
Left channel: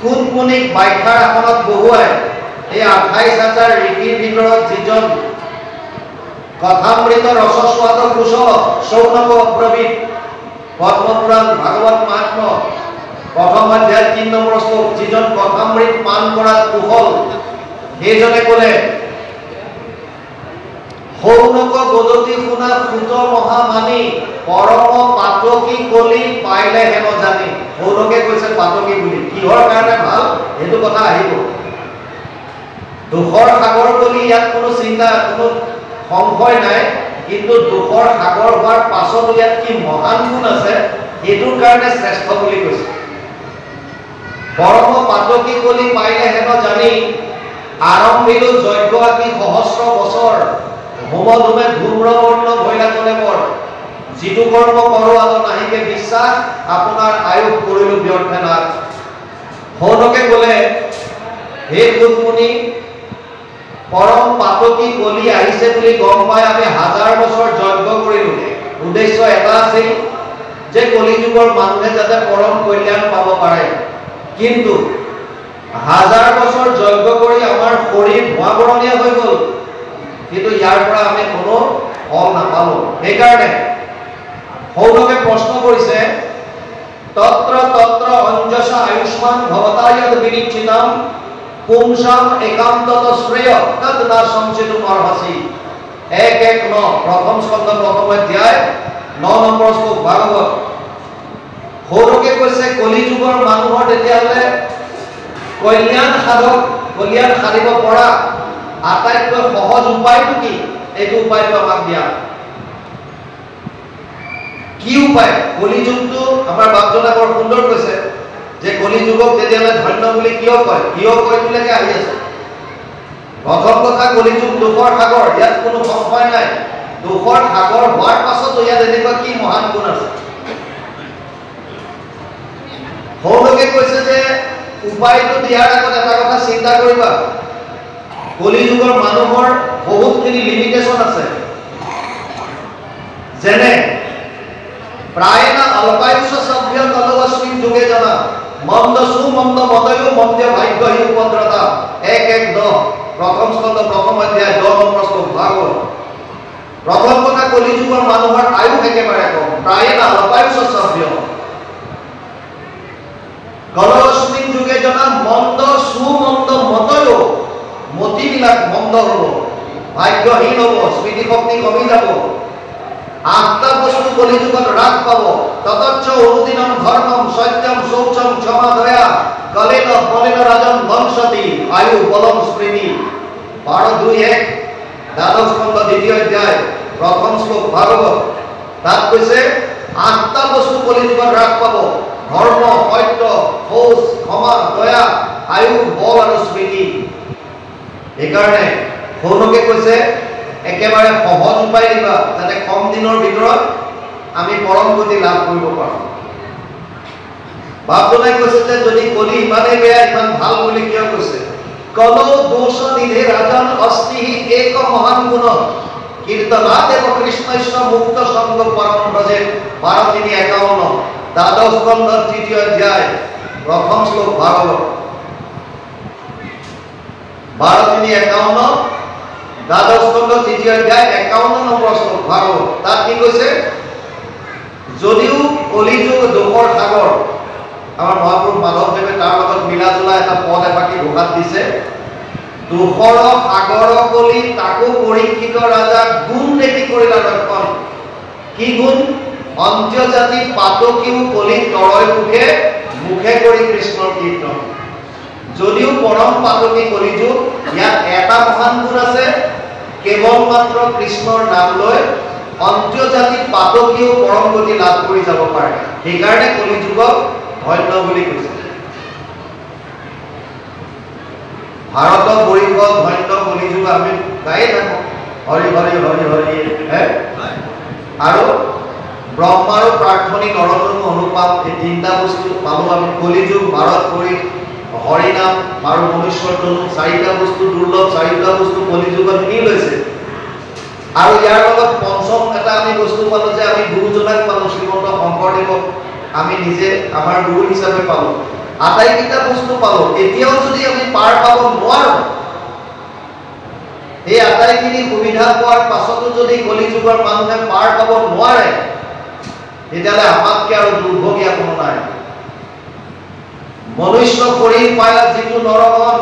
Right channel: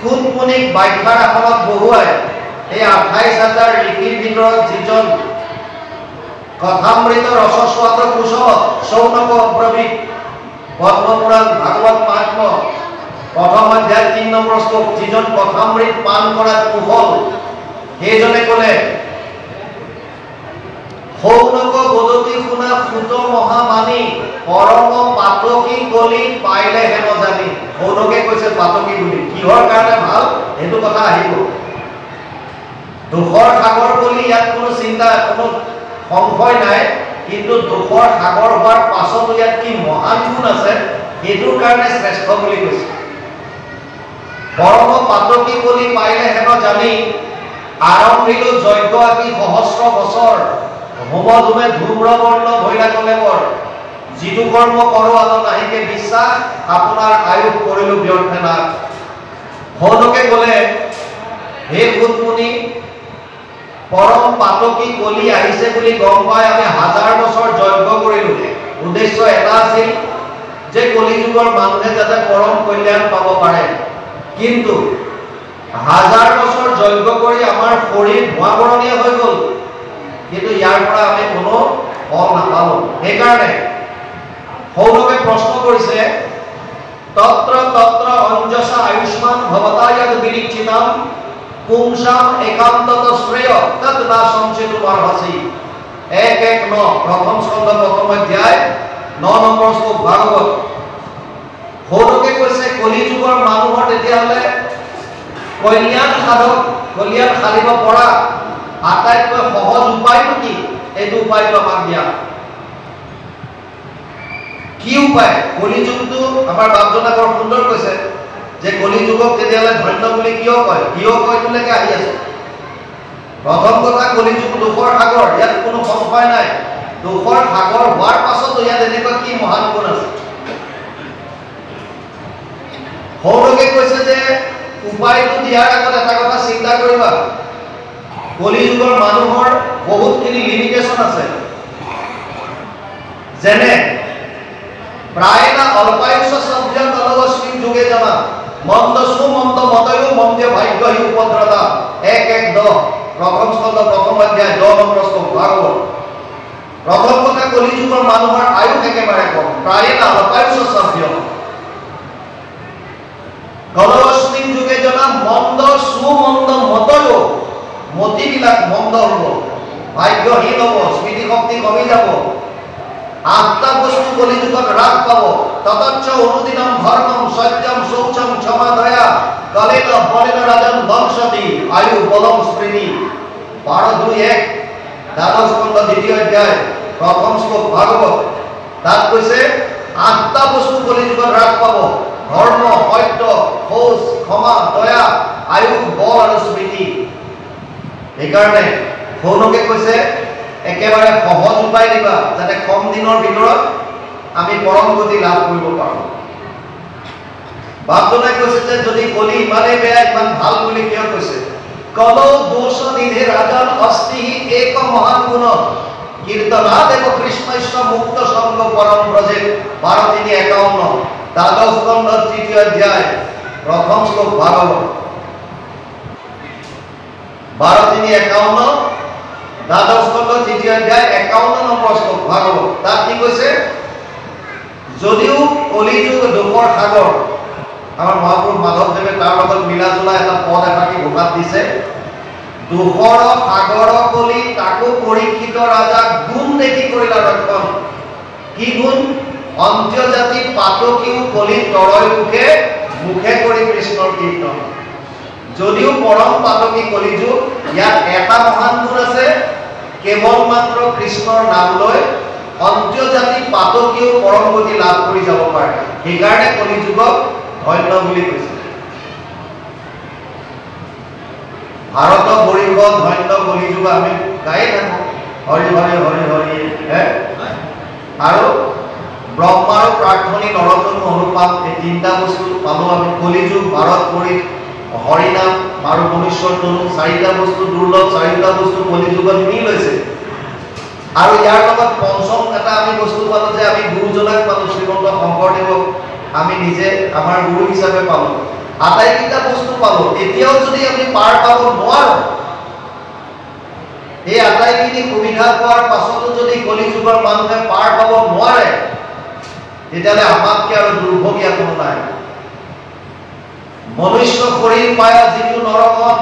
সুতমুনিক বাখ্যাৰ আসনত বহুৱাই এই 28,000 ঋষিৰ ভিতৰত যিজন কথামৃত ৰসস্বাদ কুশল শৌনক অব্ৰবীত পদ্মপুৰাণ ভাগৱত মাহাত্ম প্ৰথম অধ্যায় 3 নম্বৰ শ্লোক, যিজন কথামৃত পান কৰাত কুশল, সেইজনে ক'লে শৌনক বদতি শুনা সুত মহামানী পৰম পাতকী কলি পাইলে হেন জানি। শৌনকে কৈছে পাতকী বুলি, কিহৰ কাৰণে ভাল সেইটো কথা আহিব। দুখৰ সাগৰ কলি, ইয়াত কোনো চিন্তা কোনো সংশয় নাই, কিন্তু দুখৰ সাগৰ হোৱাৰ পাছত ইয়াত কি মহান গুণ আছে সেইটোৰ কাৰণে শ্ৰেষ্ঠ বুলি কৈছে। পৰম পাতকী কলি পাইলে হেন জানি আৰম্ভিলো যজ্ঞ আকি সহস্ৰ বছৰ হোম ধুমে ধূম্ৰবৰ্ণ ভৈৰাগলে বৰ যিটো কৰ্ম কৰো আত নাহিকে বিশ্বাস আপোনাৰ আয়ুস কৰিলো ব্যৰ্থে নাশ। শৌনকে ক'লে হে সুতমুনি, পৰম পাতকী কলি আহিছে বুলি গম পাই আমি হাজাৰ বছৰ যজ্ঞ কৰিলো। উদ্দেশ্য এটা আছিল যে কলি যুগৰ মানুহে যাতে পৰম কল্যাণ পাব পাৰে। কিন্তু হাজাৰ বছৰ যজ্ঞ কৰি আমাৰ শৰীৰ ভুৱাবৰণীয়া হৈ গ'ল, কিন্তু ইয়াৰ পৰা আমি কোনো ফল নাপালো। সেইকাৰণে শৌনকে প্ৰশ্ন কৰিছে তত্ৰ তত্ৰ অঞ্জসা আয়ুষ্মান ভৱতায়ত বিনিচ্ছিতাম পুংসাম একান্তত শ্ৰেয় তৎ না সংচিতুম অৰ্হসি। 1:1-9 প্ৰথম স্কন্ধ প্ৰথম অধ্যায় 9 নম্বৰ শ্লোক ভাগৱত। শৌনকে কৈছে কলি যুগৰ মানুহৰ তেতিয়াহ'লে কল্যাণ সাধক, কল্যাণ সাধিব পৰা আটাইতকৈ সহজ উপায়টো কি? এইটো উপায়টো আমাক দিয়া। কি উপায়? কলি যুগটো আমাৰ বাপজনে বৰ সুন্দৰ কৈছে যে কলি যুগক তেতিয়াহ'লে ধন্য বুলি কিয় কয়? কিয় কয় তোলৈকে আহি আছে। প্ৰথম কথা, কলি যুগ দুখৰ সাগৰ, ইয়াত কোনো সংশয় নাই। দুখৰ সাগৰ হোৱাৰ পাছত ইয়াত এনেকুৱা কি মহান গুণ আছে? শৌনকে কৈছে যে উপায়টো দিয়াৰ আগত এটা কথা চিন্তা কৰিবা, কলি যুগৰ মানুহৰ বহুতখিনি লিমিটেশ্যন আছে। যেনে প্ৰায় না অল্পায়ুষ সভ্য কলবস্মী যুগে জনা মন্দ সুমন্দ মতয়ো মন্ত্য ভাগ্য হি উপদ্ৰতা। 1:1-10 প্ৰথম স্কন্ধ প্ৰথম অধ্যায় 10 নম্বৰ শ্লোক ভাগৱত। প্ৰথম কথা, কলি যুগৰ মানুহৰ আয়ুস একেবাৰে কম। প্ৰায় না অল্পায়ুষ সভ্য কলবস্মী যুগে জনা মন্দ সুমন্দ মতয়ো, মতিবিলাক মন্দ হ'ব, ভাগ্যহীন হ'ব, স্মৃতি শক্তি কমি যাব। 8টা বস্তু কলি যুগত হ্ৰাস পাব। ততচ্চ অনুদিনম ধর্মম সত্যম শৌচম ক্ষমা দয়া কলেন বলেন রাজন বংশতি আয়ু বলম স্মৃতি। 12:2-1 দ্বাদশ স্কন্ধ 2য় অধ্যায় প্রথম শ্লোক ভাগৱত। তাত কৈছে 8টা বস্তু কলি যুগত হ্ৰাস পাব: ধৰ্ম, সত্য, শৌচ, ক্ষমা, দয়া, আয়ু, বল আৰু স্মৃতি। সেইকাৰণে শৌনকে কৈছে একেবাৰে সহজ উপায় দিবা যাতে কম দিনৰ ভিতৰত আমি পৰম গতি লাভ কৰিব পাৰোঁ। বাপজনাই কৈছে যে যদি কলি ইমানেই বেয়া, ইমান ভাল বুলি কিয় কৈছে? কলো দোষ নিধে ৰাজন অস্তি এক মহান গুণ কীৰ্তনাদেৱ কৃষ্ণস্য মুক্ত সংগ পৰম ব্ৰজে। 12:3-51 দ্বাদশ স্কন্ধ 3য় অধ্যায় প্ৰথম শ্লোক ভাগৱত। 12:3-51 দ্বাদশ স্কন্ধ 3য় অধ্যায় 51 নম্বৰ শ্লোক ভাগৱত। তাত কি কৈছে? যদিও কলি যুগ দুখৰ সাগৰ, আমাৰ মহাপুৰুষ মাধৱদেৱে তাৰ লগত মিলা জোলা এটা পদ এফাকি ঘোষাত দিছে, দুখৰ সাগৰ কলি তাকো পৰীক্ষিত ৰাজা গুণ দেখি কৰিলা ৰক্ষণ। কি গুণ? অন্ত্যজাতি পাতকীও কলি তৰয় মুখে মুখে কৰি কৃষ্ণৰ কীৰ্তন। যদিও পৰম পাতকী কলি যুগ, ইয়াত এটা মহান গুণ আছে, কেৱল মাত্ৰ কৃষ্ণৰ নাম লৈ অন্ত্যজাতি পাতকীও পৰম গতি লাভ কৰি যাব পাৰে। সেইকাৰণে কলি যুগক ধন্য বুলি কৈছে। ভাৰত বৰিব ধন্য কলি যুগ আমি গায়ে থাকো, হৰি হৰি হৰি হৰি। আৰু ব্ৰহ্মাৰ প্ৰাৰ্থনী নৰতনু অনুপাত, এই 3টা বস্তু পালো আমি। কলি যুগ, ভাৰত বৰি হৰিনাম আৰু মনুষ্যৰ তনু, চাৰিটা বস্তু দুৰ্লভ, চাৰিটা বস্তু কলিযুগত নি লৈছে। আৰু ইয়াৰ লগত পঞ্চম এটা আমি বস্তু পালো যে আমি গুৰুজনাক পালো, শ্ৰীমন্ত শংকৰদেৱক আমি নিজে আমাৰ গুৰু হিচাপে পালো। আটাইকেইটা বস্তু পালো, এতিয়াও যদি আমি পাৰ পাব নোৱাৰো, এই আটাইখিনি সুবিধা পোৱাৰ পাছতো যদি কলিযুগৰ মানুহে পাৰ পাব নোৱাৰে, তেতিয়াহ'লে আমাতকৈ আৰু দুৰ্ভগীয়া কোনো নাই। মনুষ্য শৰীৰ পায়া যিটো নৰমন,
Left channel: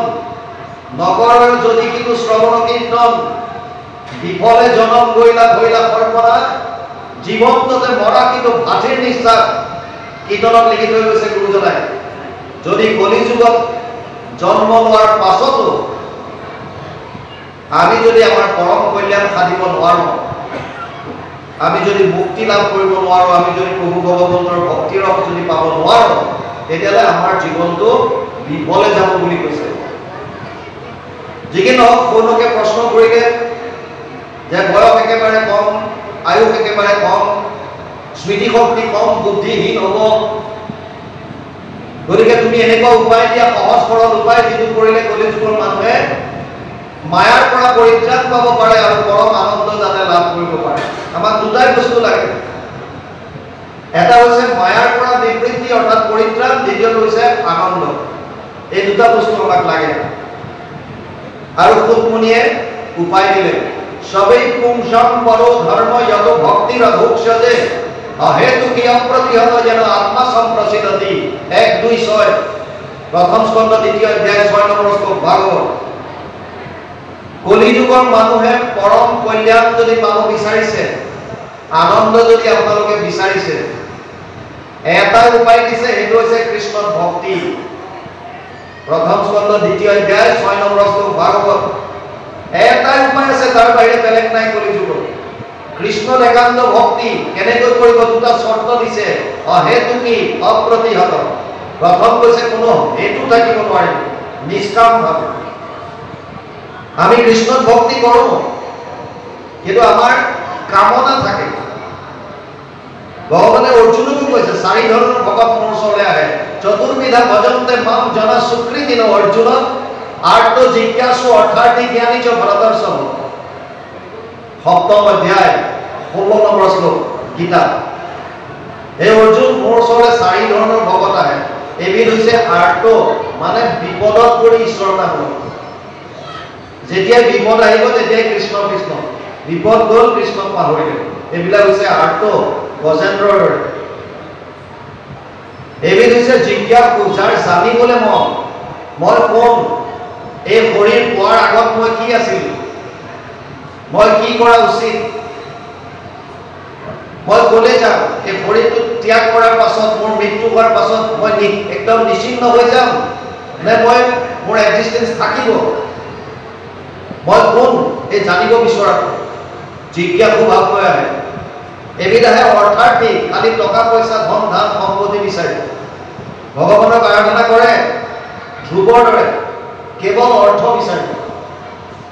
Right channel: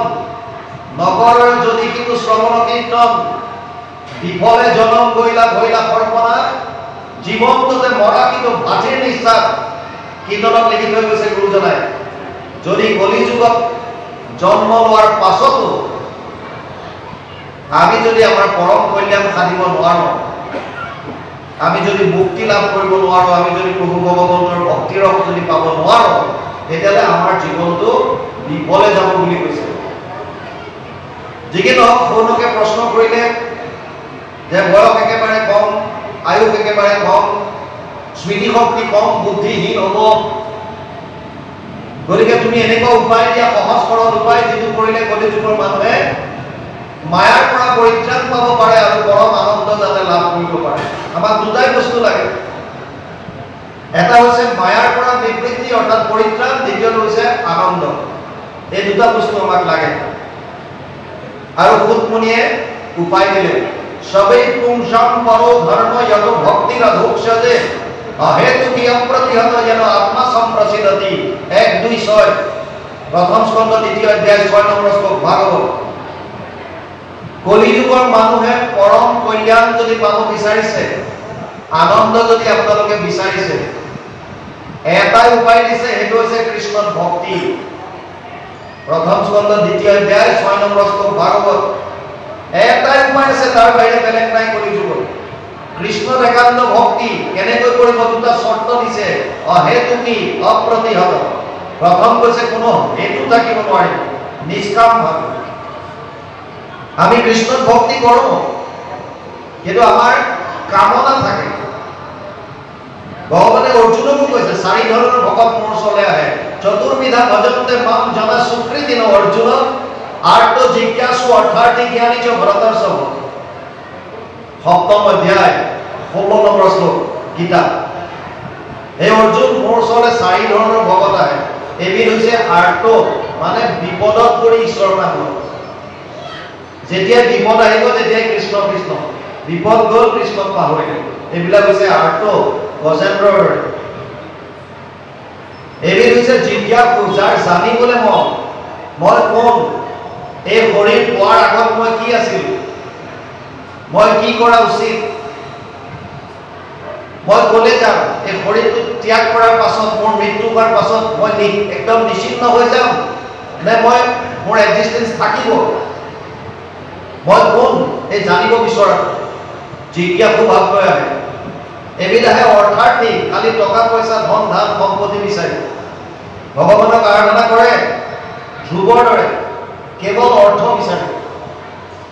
নগৰৰ যদি কিন্তু শ্ৰৱণ কীৰ্তন, বিফলে জনম গৈলা ভৈলা সৰ্বনা, জীৱন্ততে মৰা কিন্তু ভাটিৰ নিশ্বাস, কীৰ্তনত লিখি থৈ গৈছে গুৰুজনাই। যদি কলিযুগত জন্ম লোৱাৰ পাছতো আমি যদি আমাৰ পৰম কল্যাণ সাধিব নোৱাৰো, আমি যদি মুক্তি লাভ কৰিব নোৱাৰো, আমি যদি প্ৰভু ভগৱন্তৰ ভক্তিৰ ৰস যদি পাব নোৱাৰো, তেতিয়াহ'লে আমাৰ জীৱনটো বিফলে যাব বুলি কৈছে। যিকি নহওক, সৌনকে প্ৰশ্ন কৰিলে যে বয়স একেবাৰে কম, আয়ুস একেবাৰে কম, স্মৃতিশক্তি কম, বুদ্ধিহীন হ'ব, গতিকে তুমি এনেকুৱা উপায় দিয়া, সহজ সৰল উপায় যিটো কৰিলে কলিযুগৰ মানুহে মায়াৰ পৰা পৰিত্ৰাণ পাব পাৰে আৰু পৰম আনন্দ যাতে লাভ কৰিব পাৰে। আমাক দুটাই বস্তু লাগে, এটা হৈছে মায়াৰ পৰা নিবৃত্তি অৰ্থাৎ পৰিত্ৰাণ, দ্বিতীয়টো হৈছে আনন্দ। এই দুটা বস্তু আমাক লাগে। আৰু সুতমুনিয়ে উপায় দিলে, সবেই পুংসম পৰো ধৰ্ম যত ভক্তিৰ অধুক্ষজে অহেতুকি অপ্ৰতিহত যেন আত্মা সম্প্ৰসিদ্ধতি। 1-2-6 প্ৰথম স্কন্ধ 2য় অধ্যায় 6 নম্বৰ শ্লোক ভাগৱত। কলিযুগৰ মানুহে পৰম কল্যাণ যদি পাব বিচাৰিছে, আনন্দ যদি আপোনালোকে বিচাৰিছে, এটাই উপায় দিছে, সেইটো হৈছে কৃষ্ণত ভক্তি। প্ৰথম স্কন্ধ 2য় অধ্যায় 6 নম্বৰ শ্লোক ভাগৱত। এটাই উপায় আছে, তাৰ বাহিৰে বেলেগ নাই কলিযুগত। কৃষ্ণত একান্ত ভক্তি কেনেকৈ কৰিব? দুটা চৰ্ত দিছে, অহেতুকি অপ্ৰতিহত। প্ৰথম কৈছে কোনো হেতু থাকিব নোৱাৰিব, নিষ্কাম ভাৱে। আমি কৃষ্ণত ভক্তি কৰো, কিন্তু আমাৰ কামনা থাকে। ভগৱানে অৰ্জুনকো কৈছে, 4 ধৰণৰ ভকত মোৰ ওচৰলৈ আহে, চতুৰ্বিধা ভজন্তে মাম জনা সুকৃতি ন অৰ্জুন, আৰ্ত জিজ্ঞাসু অৰ্থাৰ্থী জ্ঞানী চ ভৰতৰ্ষভ। 7ম অধ্যায় 16 নম্বৰ শ্লোক গীতা। এই অৰ্জুন, মোৰ ওচৰলৈ 4 ধৰণৰ ভকত আহে। এবিধ হৈছে আৰ্ত, মানে বিপদত পৰি ঈশ্বৰ নাম লয়। যেতিয়া বিপদ আহিব তেতিয়াই কৃষ্ণ কৃষ্ণ, বিপদ গ'ল কৃষ্ণক পাহৰিলে। এইবিলাক হৈছে আৰ্ত, গজেন্দ্ৰৰ দৰে। এবিধ হৈছে জিজ্ঞাসু, যাৰ জানিবলৈ মন, মই কোন, এই শৰীৰ পোৱাৰ আগত মই কি আছিল, মই কি কৰা উচিত, মই কলে যাম, এই শৰীৰটো ত্যাগ কৰাৰ পাছত, মোৰ মৃত্যু হোৱাৰ পাছত মই একদম নিশ্চিন্ন হৈ যাম, নে মই মোৰ এক্সিষ্টেঞ্চ থাকিব, মই কোন, এই জানিব বিচৰা জিজ্ঞাসু ভাৱ লৈ আহে। এবিধ আহে অৰ্থাৰ্থী, খালি টকা পইচা ধন ধান সম্পত্তি বিচাৰি ভগৱানক আৰাধনা কৰে, ধ্ৰুৱৰ দৰে কেৱল অৰ্থ বিচাৰি।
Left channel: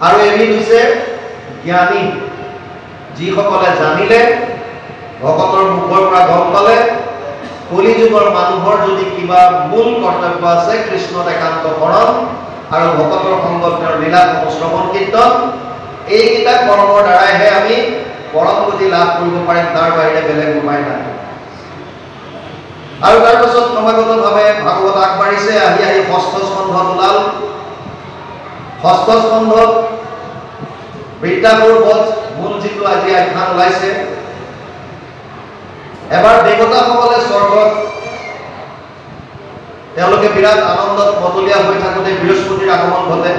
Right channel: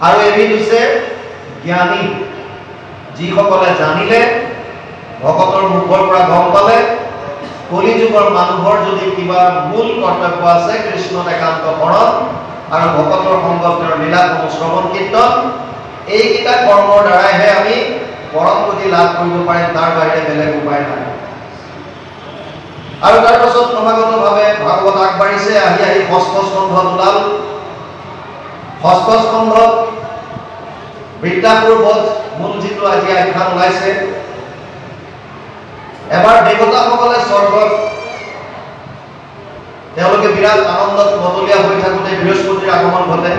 আৰু এবিধ হৈছে জ্ঞানী, যিসকলে জানিলে, ভকতৰ মুখৰ পৰা গম পালে, কলিযুগৰ মানুহৰ যদি কিবা মূল কৰ্তব্য আছে, কৃষ্ণত একান্ত শৰণ আৰু ভকতৰ সংগত লীলাসমূহ শ্ৰৱণ কীৰ্তন, এইকেইটা কৰ্মৰ দ্বাৰাইহে আমি পৰম গতি লাভ কৰিব পাৰিম, তাৰ বাহিৰে বেলেগ উপায় নাই। আৰু তাৰ পাছত ক্ৰমাগতভাৱে ভাগৱত আগবাঢ়িছে, আহি আহি 6ষ্ঠ স্কন্ধত ওলাল। 6ষ্ঠ স্কন্ধত বৃত্তাসুৰ বধ মূল যিটো আজি আখ্যান ওলাইছে। এবাৰ দেৱতাসকলে স্বৰ্গত তেওঁলোকে বিৰাট আনন্দত মতলীয়া হৈ থাকোঁতে বৃহস্পতিৰ আগমন ঘটে।